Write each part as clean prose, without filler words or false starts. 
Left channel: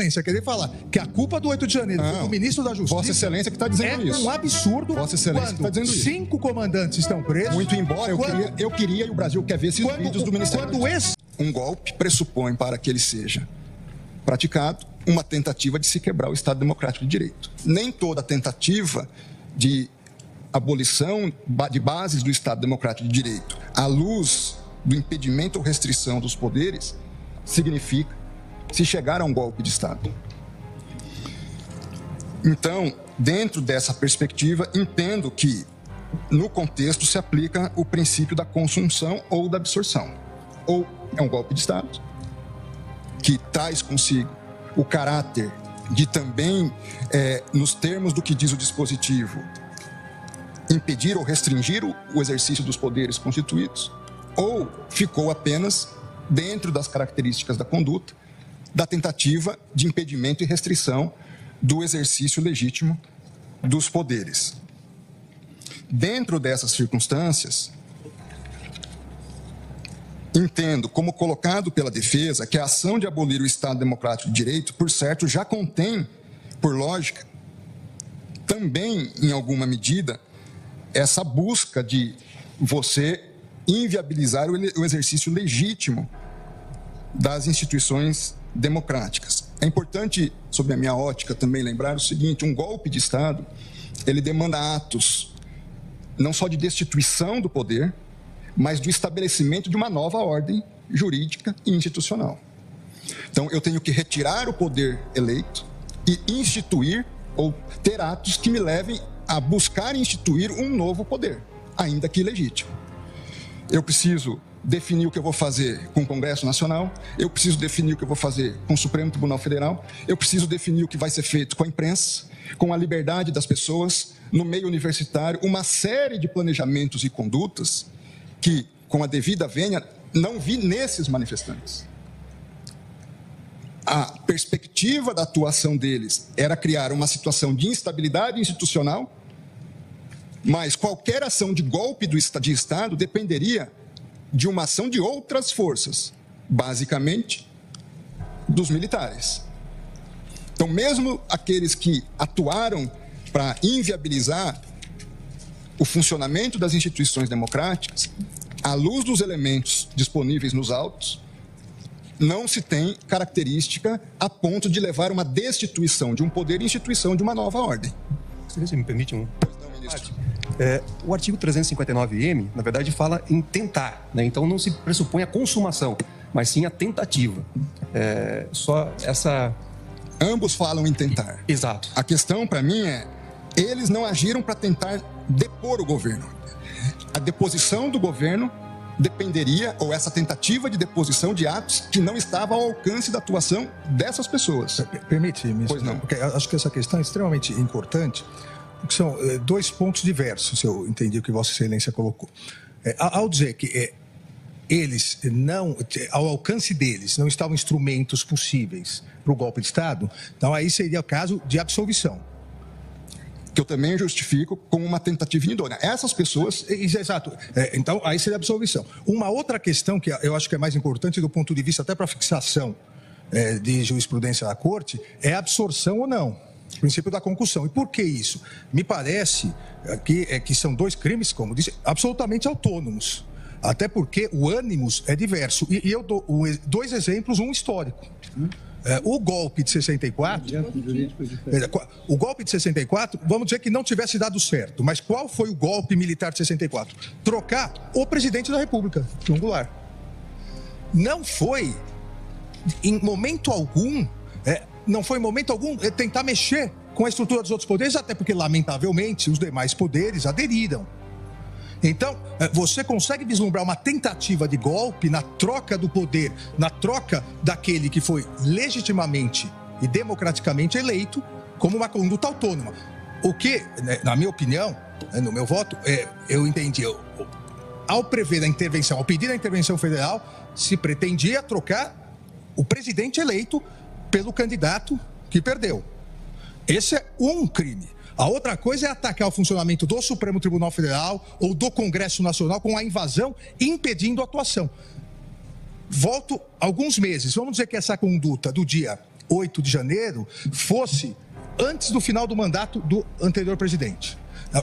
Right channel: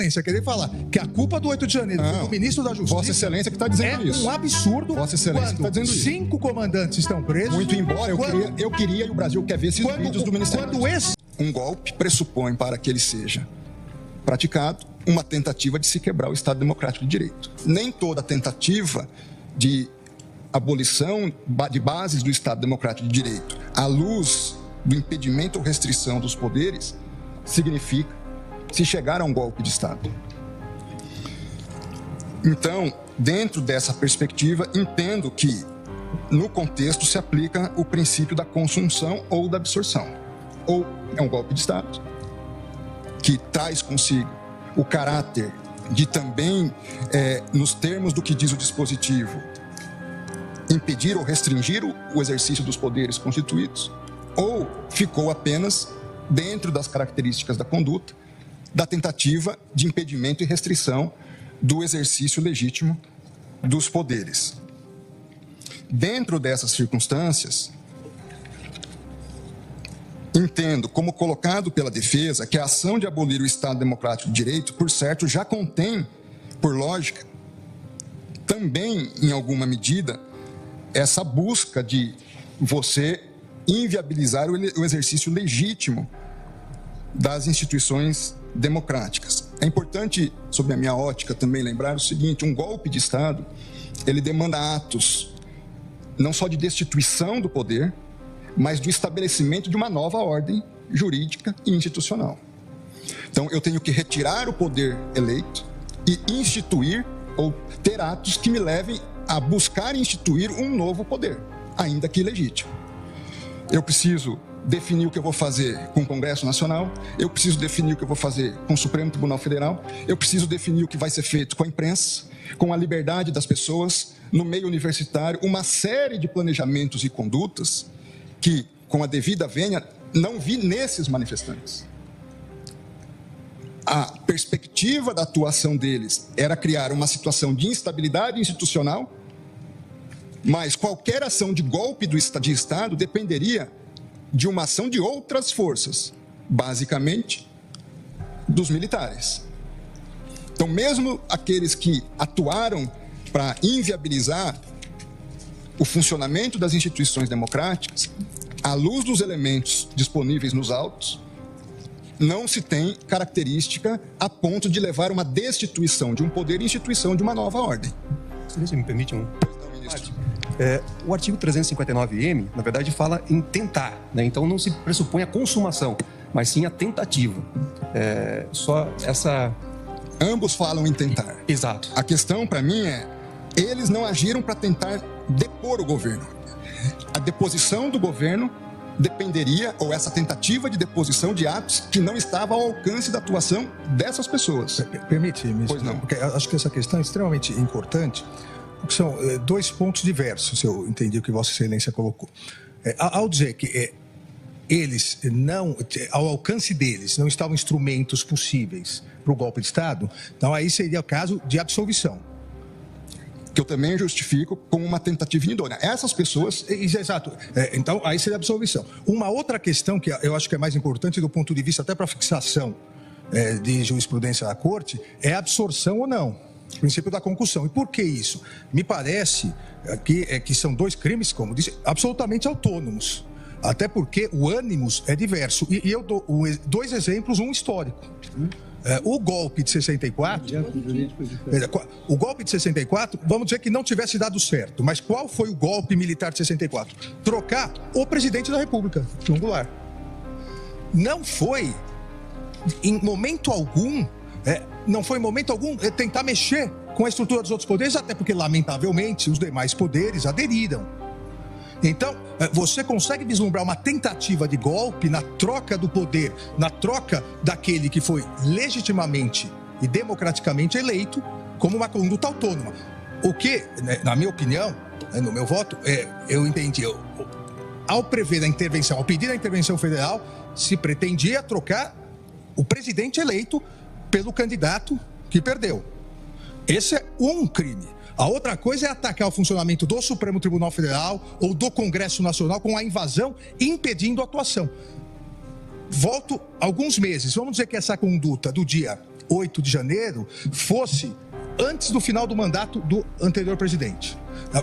Querer falar que a culpa do 8 de janeiro foi do ministro da Justiça... Vossa Excelência que está dizendo isso. É um absurdo. Vossa Excelência que está dizendo isso. 5 comandantes estão presos. Muito embora eu queria e o Brasil quer ver esses vídeos do Ministério da Justiça. Um golpe pressupõe, para que ele seja praticado, uma tentativa de se quebrar o Estado Democrático de Direito. Nem toda tentativa de abolição de bases do Estado Democrático de Direito à luz do impedimento ou restrição dos poderes significa se chegar a um golpe de Estado. Então, dentro dessa perspectiva, entendo que, no contexto, se aplica o princípio da consunção ou da absorção. Ou é um golpe de Estado, que traz consigo o caráter de também, nos termos do que diz o dispositivo, impedir ou restringir o exercício dos poderes constituídos, ou ficou apenas dentro das características da conduta, da tentativa de impedimento e restrição do exercício legítimo dos poderes. Dentro dessas circunstâncias, entendo, como colocado pela defesa, que a ação de abolir o Estado Democrático de Direito, por certo, já contém, por lógica, também, em alguma medida, essa busca de você inviabilizar o exercício legítimo das instituições democráticas. É importante, sob a minha ótica, também lembrar o seguinte: um golpe de Estado, ele demanda atos não só de destituição do poder, mas do estabelecimento de uma nova ordem jurídica e institucional. Então, eu tenho que retirar o poder eleito e instituir ou ter atos que me levem a buscar instituir um novo poder, ainda que ilegítimo. Eu preciso definir o que eu vou fazer com o Congresso Nacional, eu preciso definir o que eu vou fazer com o Supremo Tribunal Federal, eu preciso definir o que vai ser feito com a imprensa, com a liberdade das pessoas, no meio universitário, uma série de planejamentos e condutas que, com a devida vênia, não vi nesses manifestantes. A perspectiva da atuação deles era criar uma situação de instabilidade institucional, mas qualquer ação de golpe de Estado dependeria de uma ação de outras forças, basicamente dos militares. Então, mesmo aqueles que atuaram para inviabilizar o funcionamento das instituições democráticas, à luz dos elementos disponíveis nos autos, não se tem característica a ponto de levar uma destituição de um poder e instituição de uma nova ordem. Se me permite o artigo 359-M, na verdade, fala em tentar, né? Então não se pressupõe a consumação, mas sim a tentativa. Só essa... Ambos falam em tentar. Exato. A questão, para mim, eles não agiram para tentar depor o governo. A deposição do governo dependeria, ou essa tentativa de deposição de atos que não estavam ao alcance da atuação dessas pessoas. Permite-me, pois não. Porque acho que essa questão é extremamente importante, porque são dois pontos diversos, se eu entendi o que Vossa Excelência colocou. Ao dizer que eles não, ao alcance deles, não estavam instrumentos possíveis para o golpe de Estado, então aí seria o caso de absolvição. Que eu também justifico como uma tentativa indônia. Essas pessoas... Exato. Então, aí seria absolvição. Uma outra questão que eu acho que é mais importante do ponto de vista até para fixação de jurisprudência da Corte é a absorção ou não. O princípio da concussão. E por que isso? Me parece que são dois crimes, como disse, absolutamente autônomos. Até porque o ânimos é diverso. E eu dou dois exemplos, um histórico. O golpe de 64, vamos dizer que não tivesse dado certo. Mas qual foi o golpe militar de 64? Trocar o presidente da República, João Goulart. Não foi, em momento algum, tentar mexer com a estrutura dos outros poderes, até porque, lamentavelmente, os demais poderes aderiram. Então, você consegue vislumbrar uma tentativa de golpe na troca do poder, na troca daquele que foi legitimamente e democraticamente eleito como uma conduta autônoma. O que, na minha opinião, no meu voto, eu entendi, ao prever a intervenção, ao pedir a intervenção federal, se pretendia trocar o presidente eleito pelo candidato que perdeu. Esse é um crime. A outra coisa é atacar o funcionamento do Supremo Tribunal Federal ou do Congresso Nacional com a invasão impedindo a atuação. Volto alguns meses. Vamos dizer que essa conduta do dia 8 de janeiro fosse antes do final do mandato do anterior presidente.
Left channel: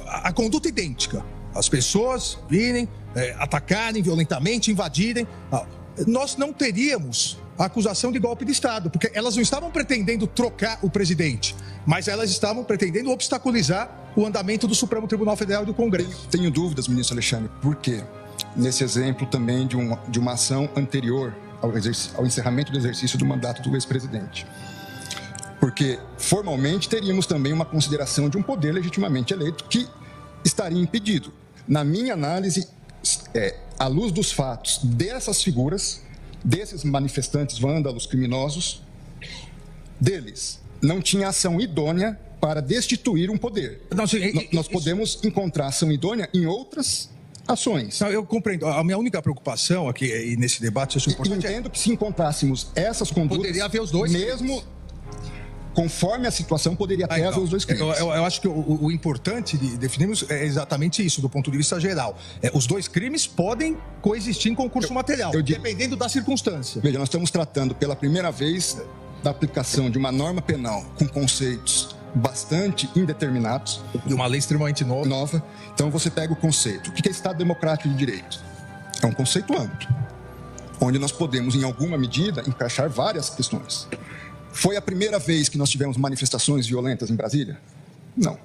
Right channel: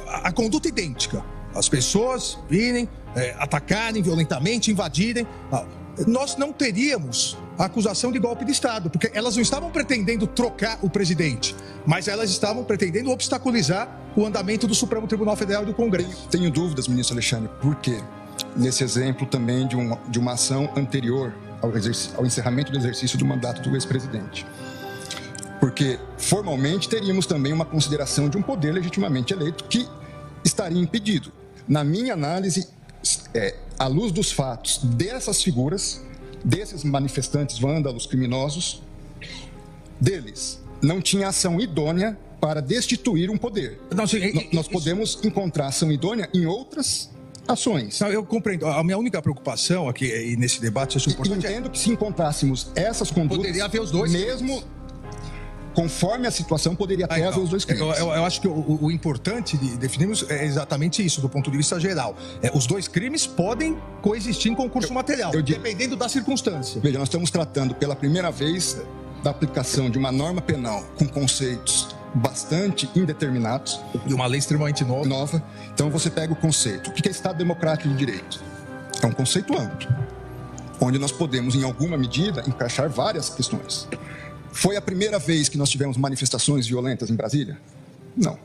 A conduta idêntica. As pessoas virem, atacarem violentamente, invadirem. Nós não teríamos a acusação de golpe de Estado, porque elas não estavam pretendendo trocar o presidente, mas elas estavam pretendendo obstaculizar o andamento do Supremo Tribunal Federal e do Congresso. Tenho dúvidas, ministro Alexandre, por quê? Nesse exemplo também de uma ação anterior ao encerramento do exercício do mandato do ex-presidente. Porque, formalmente, teríamos também uma consideração de um poder legitimamente eleito que estaria impedido. Na minha análise, à luz dos fatos dessas figuras, desses manifestantes vândalos criminosos, deles não tinha ação idônea para destituir um poder. Nós podemos encontrar ação idônea em outras ações. Eu compreendo. A minha única preocupação aqui e nesse debate é importante. Entendo que se encontrássemos essas condutas, poderia haver os dois mesmo conforme a situação, poderia até haver os dois crimes. Eu acho que o importante de definirmos é exatamente isso, do ponto de vista geral. Os dois crimes podem coexistir em concurso material, dependendo da circunstância. Veja, nós estamos tratando pela primeira vez da aplicação de uma norma penal com conceitos bastante indeterminados. De uma lei extremamente nova. Então você pega o conceito. O que é Estado Democrático de Direito? É um conceito amplo, onde nós podemos, em alguma medida, encaixar várias questões. Foi a primeira vez que nós tivemos manifestações violentas em Brasília? Não.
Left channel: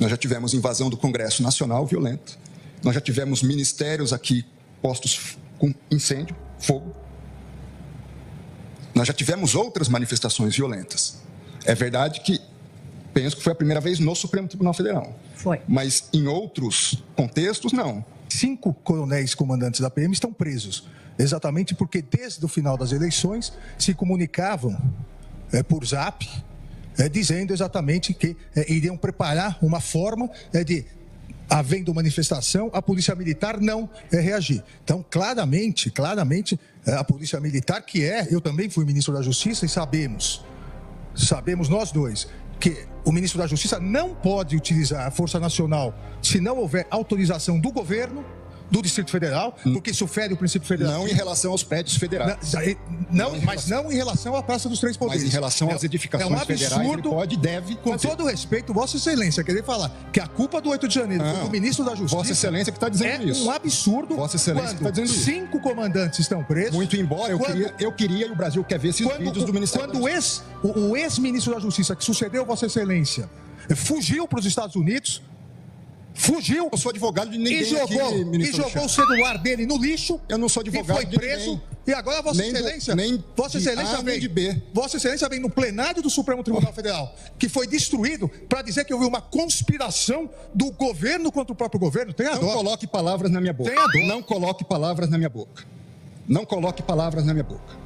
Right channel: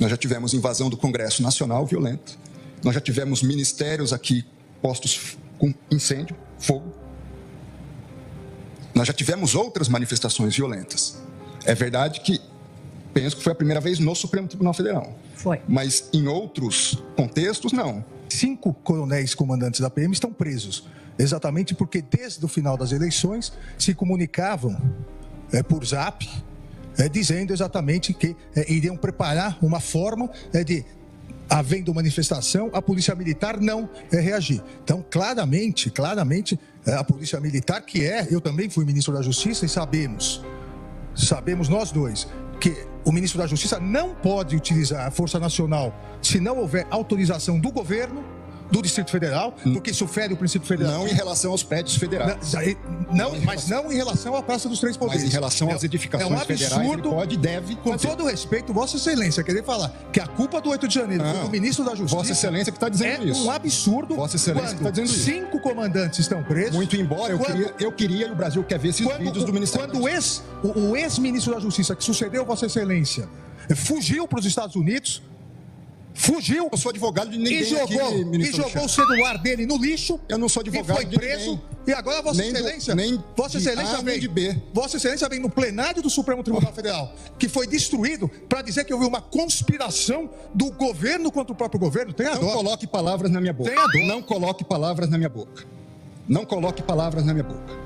Nós já tivemos invasão do Congresso Nacional violenta. Nós já tivemos ministérios aqui postos com incêndio, fogo. Nós já tivemos outras manifestações violentas. É verdade que penso que foi a primeira vez no Supremo Tribunal Federal. Foi. Mas em outros contextos, não. 5 coronéis comandantes da PM estão presos. Exatamente porque desde o final das eleições se comunicavam por zap, dizendo exatamente que iriam preparar uma forma de, havendo manifestação, a Polícia Militar não reagir. Então, claramente, a Polícia Militar, eu também fui ministro da Justiça e sabemos nós dois, que o ministro da Justiça não pode utilizar a Força Nacional se não houver autorização do governo, do Distrito Federal, porque isso fere o princípio federal. Não em relação aos prédios federais. Não em relação à Praça dos Três Poderes. Mas em relação às edificações federais, ele pode e deve. Com todo respeito, Vossa Excelência, querer falar que a culpa do 8 de janeiro foi do ministro da Justiça... Vossa Excelência que está dizendo isso. É um absurdo. Vossa Excelência que está dizendo isso. 5 comandantes estão presos. Muito embora, eu queria e o Brasil quer ver esses vídeos do Ministério da Justiça. Quando o ex-ministro da Justiça, que sucedeu Vossa Excelência, fugiu para os Estados Unidos... Fugiu, eu sou advogado de ninguém e jogou o celular dele no lixo. Eu não sou advogado e foi preso. E agora Vossa Excelência vem no plenário do Supremo Tribunal Federal, que foi destruído, para dizer que houve uma conspiração do governo contra o próprio governo. Não coloque palavras na minha boca. Não coloque palavras na minha boca. Não coloque palavras na minha boca.